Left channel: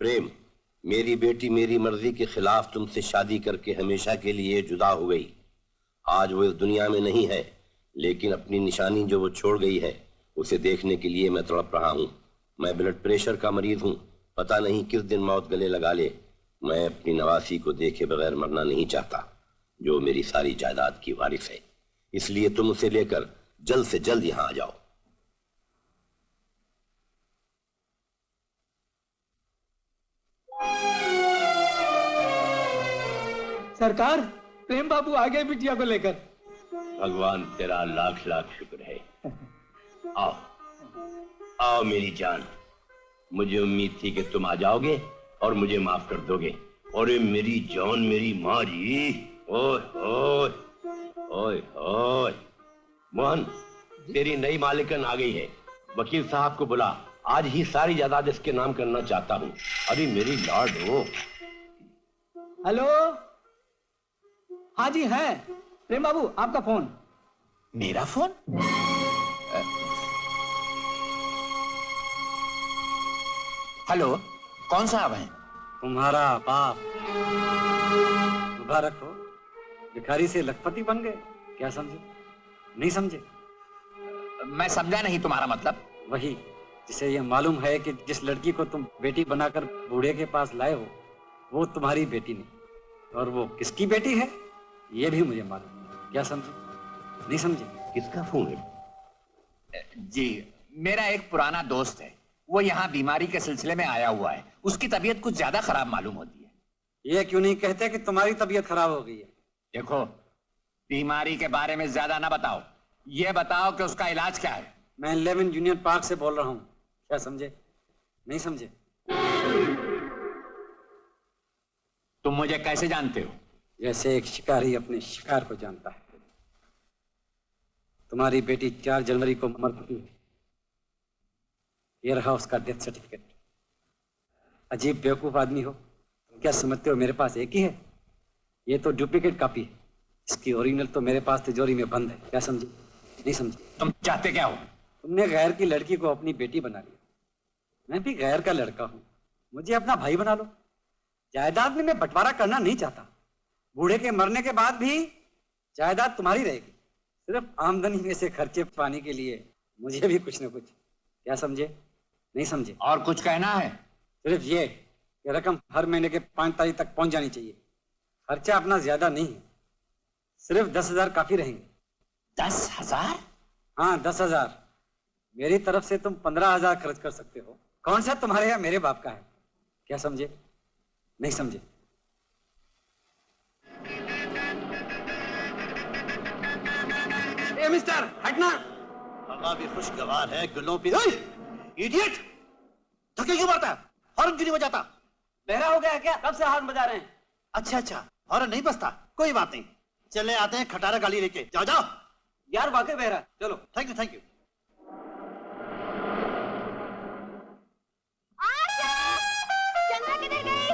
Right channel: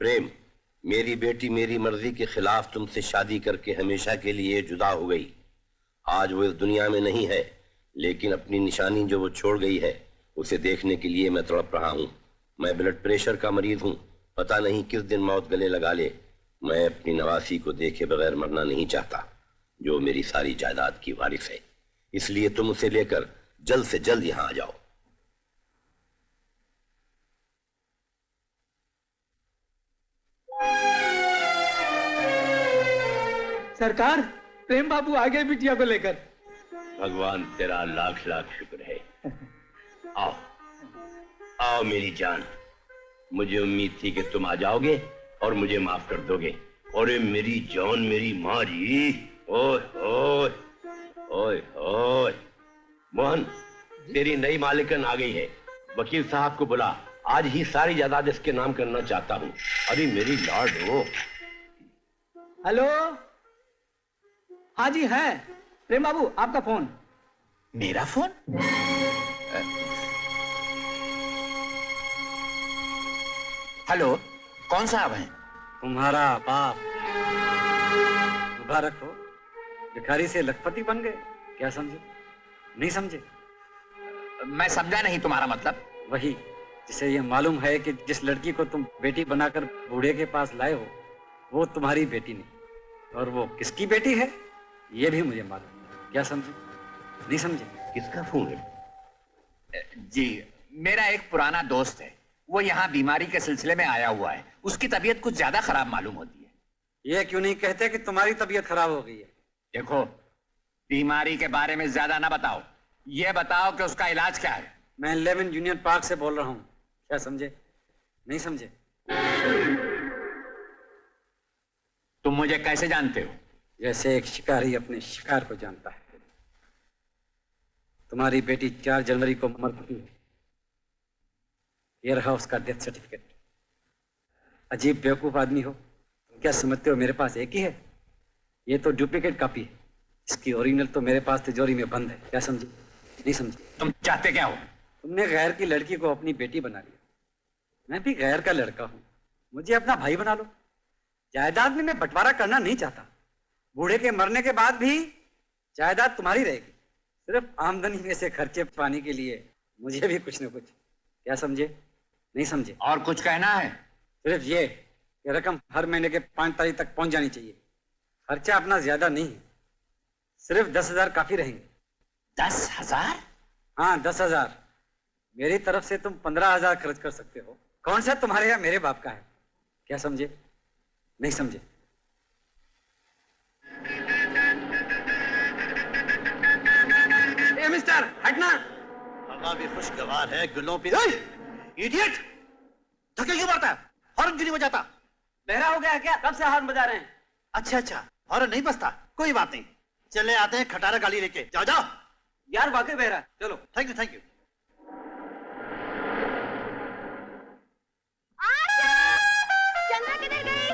प्रेम, मेरी बेटी मेरी मर्जी के खिलाफ तुमसे शादी करके हमेशा के लिए जुदा हो गई। आज वो इस दुनिया में नहीं है, लेकिन अपनी निशानी जो वो छोड़ गई है उसे देखने के लिए मैं तड़प रहा हूँ। मैं ब्लड प्रेशर का मरीज हूँ, पता नहीं किस दिन मौत गले लगा ले। मैं अपनी नवासी को देखे बगैर मरना नहीं चाहता, जो मेरी सारी जायदाद की वारिस है। इसलिए तुम उसे लेकर जल्द से जल्द यहां आ जाओ। सरकार, प्रेम बाबू आ गए बिटिया को लेकर। भगवान तेरा लाख लाख शुक्र है। आओ आओ मेरी जान, मुझे उम्मीद थी कि तुम आ जाओगे और मुझे माफ कर दोगे। और मेरी जान, मेरी माँ जी, ओए ओए ओए ओए। मोहन, तेरी नई मालिकन आ गई है। वकील साहब को बुला, आज ही सारी जायदाद इसके नाम करना चाहता हूँ। अरे मेरी लॉर्ड हो। हेलो, हाँ जी है प्रेम बाबू, आपका फोन। मेरा फोन? हेलो, कौन साहब हैं? तुम्हारा बाप। मुबारक हो, भिखारी से लखपति बन गए। क्या समझे? नहीं समझे? मैं समझा नहीं, तुम्हारा मतलब? वही जिसे ये मालूम है कि जिस लड़की को तुम बेटी बनाकर बूढ़े के पास लाए हो वो तुम्हारी बेटी नहीं, और वो किसकी बेटी है ये भी मुझे मालूम है। क्या समझे? नहीं समझे? किसका फोन है? जी, मेरा एक पुराना दोस्त है, वो यहाँ बीमारी के सिलसिले में आया हुआ है। उसकी तबीयत कुछ ज्यादा खराब मालूम होती है। ये क्यों नहीं कहते कि तुम्हारी तबीयत खराब हो गई है? देखो, बीमारी के बारे में ज्यादा ना बताओ, ये बताओ कि उसका इलाज क्या है। मैं 11 यूनियन पार्क से बोल रहा हूँ। क्या समझे? नहीं समझे? तुम मुझे कैसे जानते हो? जैसे एक शिकारी अपने शिकार को जानता है। तुम्हारी बेटी 4 जनवरी को मर चुकी है। ये रहा उसका डेथ सर्टिफिकेट। अजीब बेवकूफ आदमी हो, तुम क्या समझते हो मेरे पास एक ही है? ये तो डुप्लीकेट कॉपी है, इसकी ओरिजिनल तो मेरे पास तिजोरी में बंद है। क्या समझे? नहीं समझे? तुम चाहते क्या हो? तुमने गैर की लड़की को अपनी बेटी बना लिया। मैं भी गैर का लड़का हूं, मुझे अपना भाई बना लो। जायदाद में मैं बंटवारा करना नहीं चाहता। बूढ़े के मरने के बाद भी जायदाद तुम्हारी रहेगी। सिर्फ आमदनी में से खर्चे पाने के लिए मुझे भी कुछ न कुछ। क्या समझे? नहीं समझे? और कुछ कहना है? सिर्फ ये कि रकम हर महीने के 5 तारीख तक पहुंच जानी चाहिए। खर्चा अपना ज्यादा नहीं है, सिर्फ 10,000 काफी रहेंगे। 10,000? हाँ, 10,000। मेरी तरफ से तुम 15,000 खर्च कर सकते हो। कौन सा तुम्हारे या मेरे बाप का है? क्या समझे? नहीं समझे? ए मिस्टर, हटना। हवा भी खुशगवार है, गुलों पे। इडियट, धक्के क्यों मारता है? हॉर्न क्यों नहीं बजाता? बहरा हो गया क्या? कब से हॉर्न बजा रहे हैं? अच्छा अच्छा, हॉर्न नहीं बजता, कोई बात नहीं। चले आते हैं खटारा गाड़ी लेके। जाओ जाओ। यार वाकई बहरा। चलो। Thank you thank you. Chandra किधर गई?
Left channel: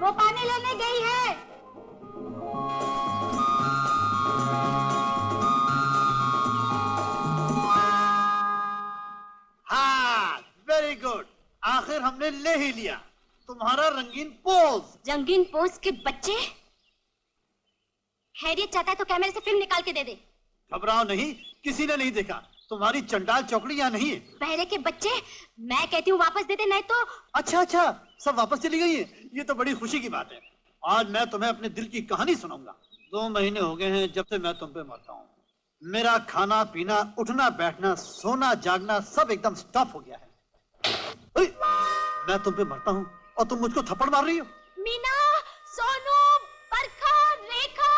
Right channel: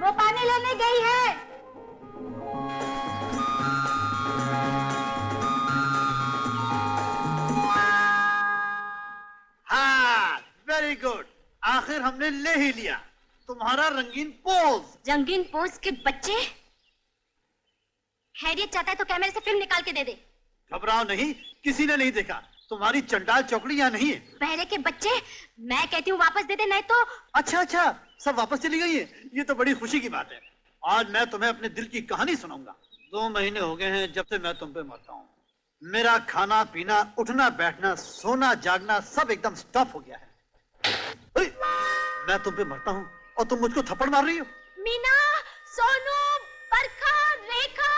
वो पानी लेने गई है। हाँ, वेरी गुड, आखिर हमने ले ही लिया तुम्हारा रंगीन पोज। रंगीन पोज के बच्चे। खैरियत चाहता है तो कैमरे से फिल्म निकाल के दे दे। घबराओ नहीं, किसी ने नहीं देखा। तुम्हारी चंडाल चौकड़ी यहाँ नहीं है। बहरे के बच्चे, मैं कहती हूँ वापस दे दे, नहीं तो। अच्छा अच्छा, सब वापस चली गई है। ये तो बड़ी खुशी की बात है। आज मैं तुम्हें अपने दिल की कहानी सुनाऊंगा। 2 महीने हो गए हैं जब से मैं तुम पे मरता हूँ। मेरा खाना पीना, उठना बैठना, सोना जागना सब एकदम स्टॉप हो गया है। अरे, मैं तुम पे मरता हूँ और तुम मुझको थप्पड़ मार रही हो। मीना, सोनू, बरखा, रेखा,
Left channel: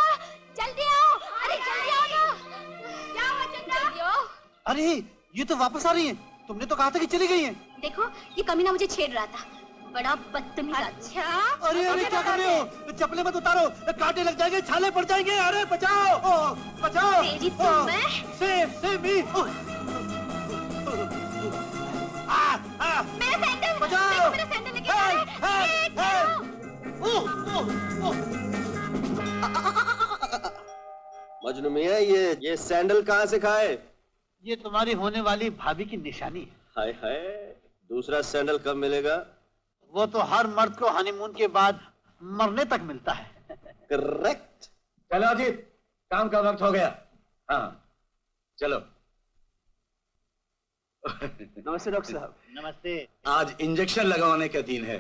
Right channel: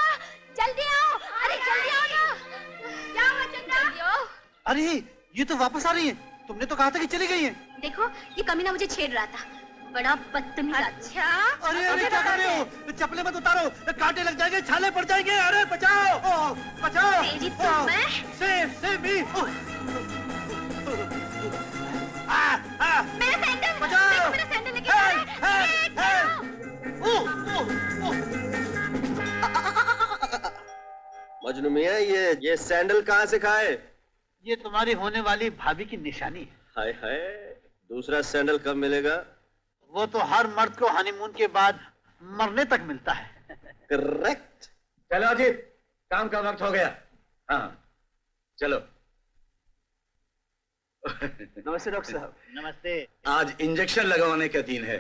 जल्दी आओ। अरे जल्दी आओ ना। क्या हुआ चंद्रा? जल्दी आओ। अरे ये तो वापस आ रही है। तुमने तो कहा था कि चली गई है। देखो, ये कमीना मुझे छेड़ रहा था, बड़ा बदतमीज। अच्छा, अरे अरे क्या कर रहे हो? चप्पलें मत उतारो, कांटे लग जाएंगे, छाले पड़ जाएंगे। अरे बचाओ, बचाओ। तेरी तो मैं। Save me. मेरा सैंडल, बचाओ। मेरा सैंडल लेके जा रहे हैं। मजनू मियां, ये सैंडल कहाँ से खाए? ये तुम्हारी होने वाली भाभी की निशानी है। हाय हाय, दूसरा सैंडल कब मिलेगा? वो तो हर मर्द को हनीमून के बाद मरने तक मिलता है। करेक्ट। चलो अजीत, काम का वक्त हो गया। हाँ चलो। नमस्ते डॉक्टर साहब। नमस्ते। आज इंजेक्शन लगवाने का दिन है,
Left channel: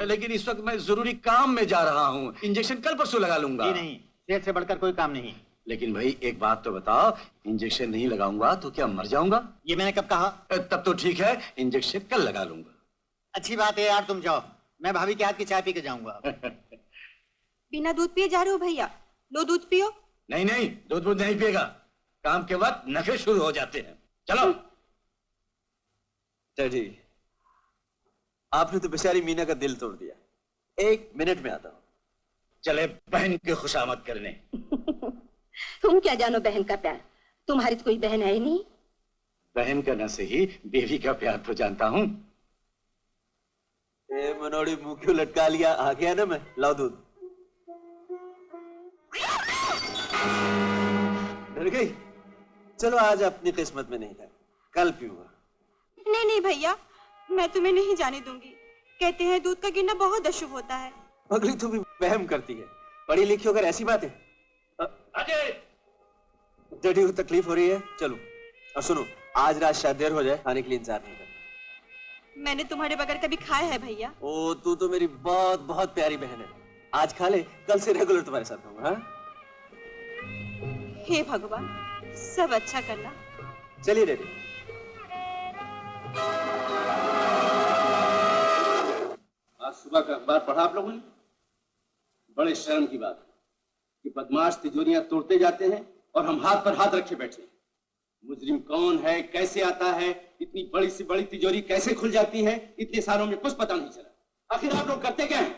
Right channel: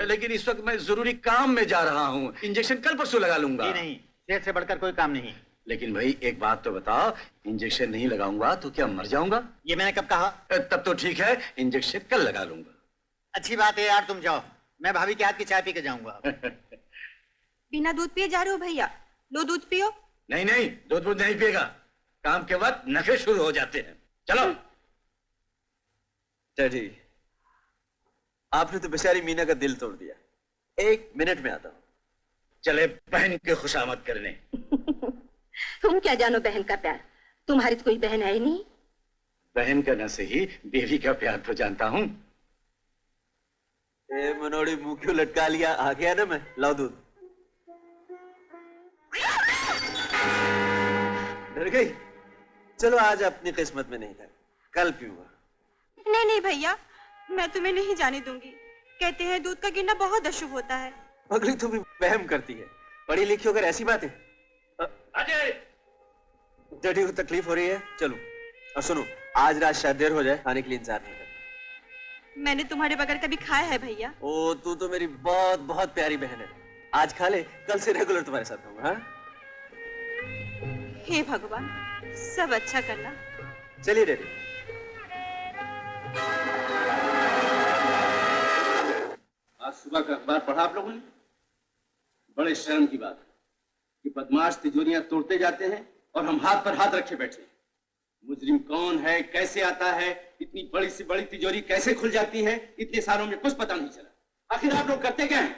लेकिन इस वक्त मैं जरूरी काम में जा रहा हूँ। इंजेक्शन कल परसों लगा लूंगा। नहीं, सेहत से बढ़कर कोई काम नहीं। लेकिन भाई एक बात तो बताओ, इंजेक्शन नहीं लगाऊंगा तो क्या मर जाऊंगा? ये मैंने कब कहा? तब तो ठीक है, इंजेक्शन कल लगा लूंगा। अच्छी बात है यार, तुम जाओ, मैं भाभी के हाथ की चाय पी के जाऊंगा। बिना दूध पिए जा रहे हो भैया? लो दूध पियो। नहीं नहीं, दूध नहीं पिएगा। काम के वक्त नखरे शुरू हो जाते हैं। चलो। डैडी, आपने तो बेचारी मीना का दिल तोड़ दिया। 1 मिनट में आता हूं। चले बहन की खुशामद करने। तुम क्या जानो बहन का प्यार? तुम्हारी तो कोई बहन है ही नहीं। बहन का न सही, देवी का प्यार तो जानता हूँ। मनोड़ी मुंह क्यों लटका लिया? आ गया ना मैं। लाओ दूध। डर गई? चलो आज अपनी किस्मत में नहीं था, कल पीऊंगा। नहीं नहीं भैया, मैं तुम्हें नहीं जाने दूंगी। कहते हैं दूध का गिरना बहुत अशुभ होता है। पगली तू भी वहम करती है। पढ़ी लिखी होकर ऐसी बात है। अजय, डैडी को तकलीफ हो रही है, चलो। और सुनो, आज रात शायद देर हो जाए, खाने के लिए इंतजार नहीं करना। मैंने तुम्हारे बगैर कभी खाया है भैया? ओ, तू तो मेरी बहुत बहुत प्यारी बहन है। आज खा ले, कल से रेगुलर तुम्हारे साथ रहूंगा। हाँ? हे भगवान, सब अच्छा करना। चलिए डैडी। आज सुबह का अखबार पढ़ा आप लोगों ने? बड़े शर्म की बात है कि बदमाश तिजोरियां तोड़ते जाते हैं और हम हाथ पर हाथ रखे बैठे हैं। मुजरिम कौन है, कैसे आता है, इतनी बड़ी से बड़ी तिजोरी कैसे खुल जाती है, इतने सालों में कुछ पता नहीं चला। आखिर आप लोग करते क्या हैं?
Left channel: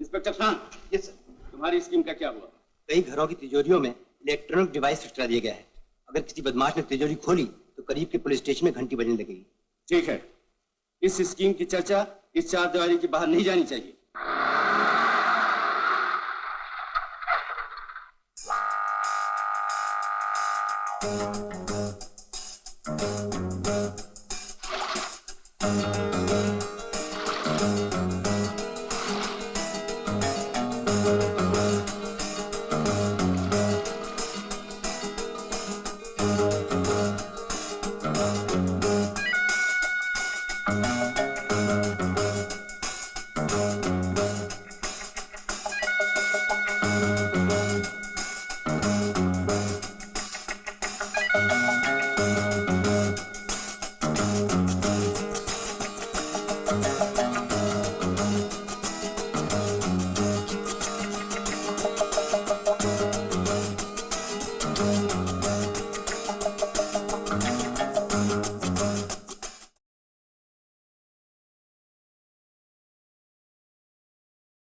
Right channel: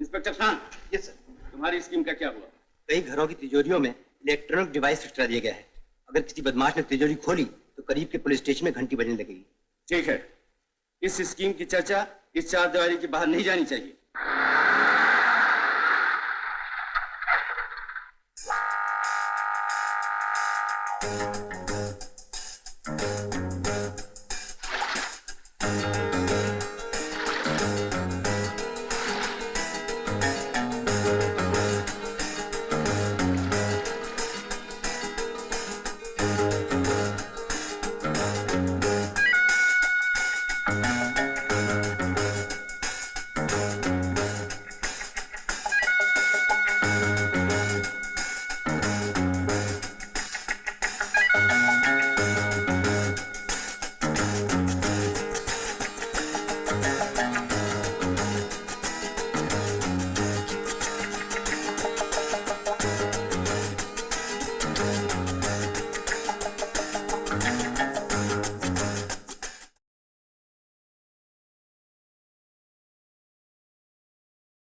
इंस्पेक्टर खान। Yes sir. तुम्हारी स्कीम का क्या हुआ? कई घरों की तिजोरियों में इलेक्ट्रॉनिक डिवाइस फिट करा दिया गया है। अगर किसी बदमाश ने तिजोरी खोली तो करीब के पुलिस स्टेशन में घंटी बजने लगेगी। ठीक है, इस स्कीम की चर्चा इस चारदीवारी के बाहर नहीं जानी चाहिए।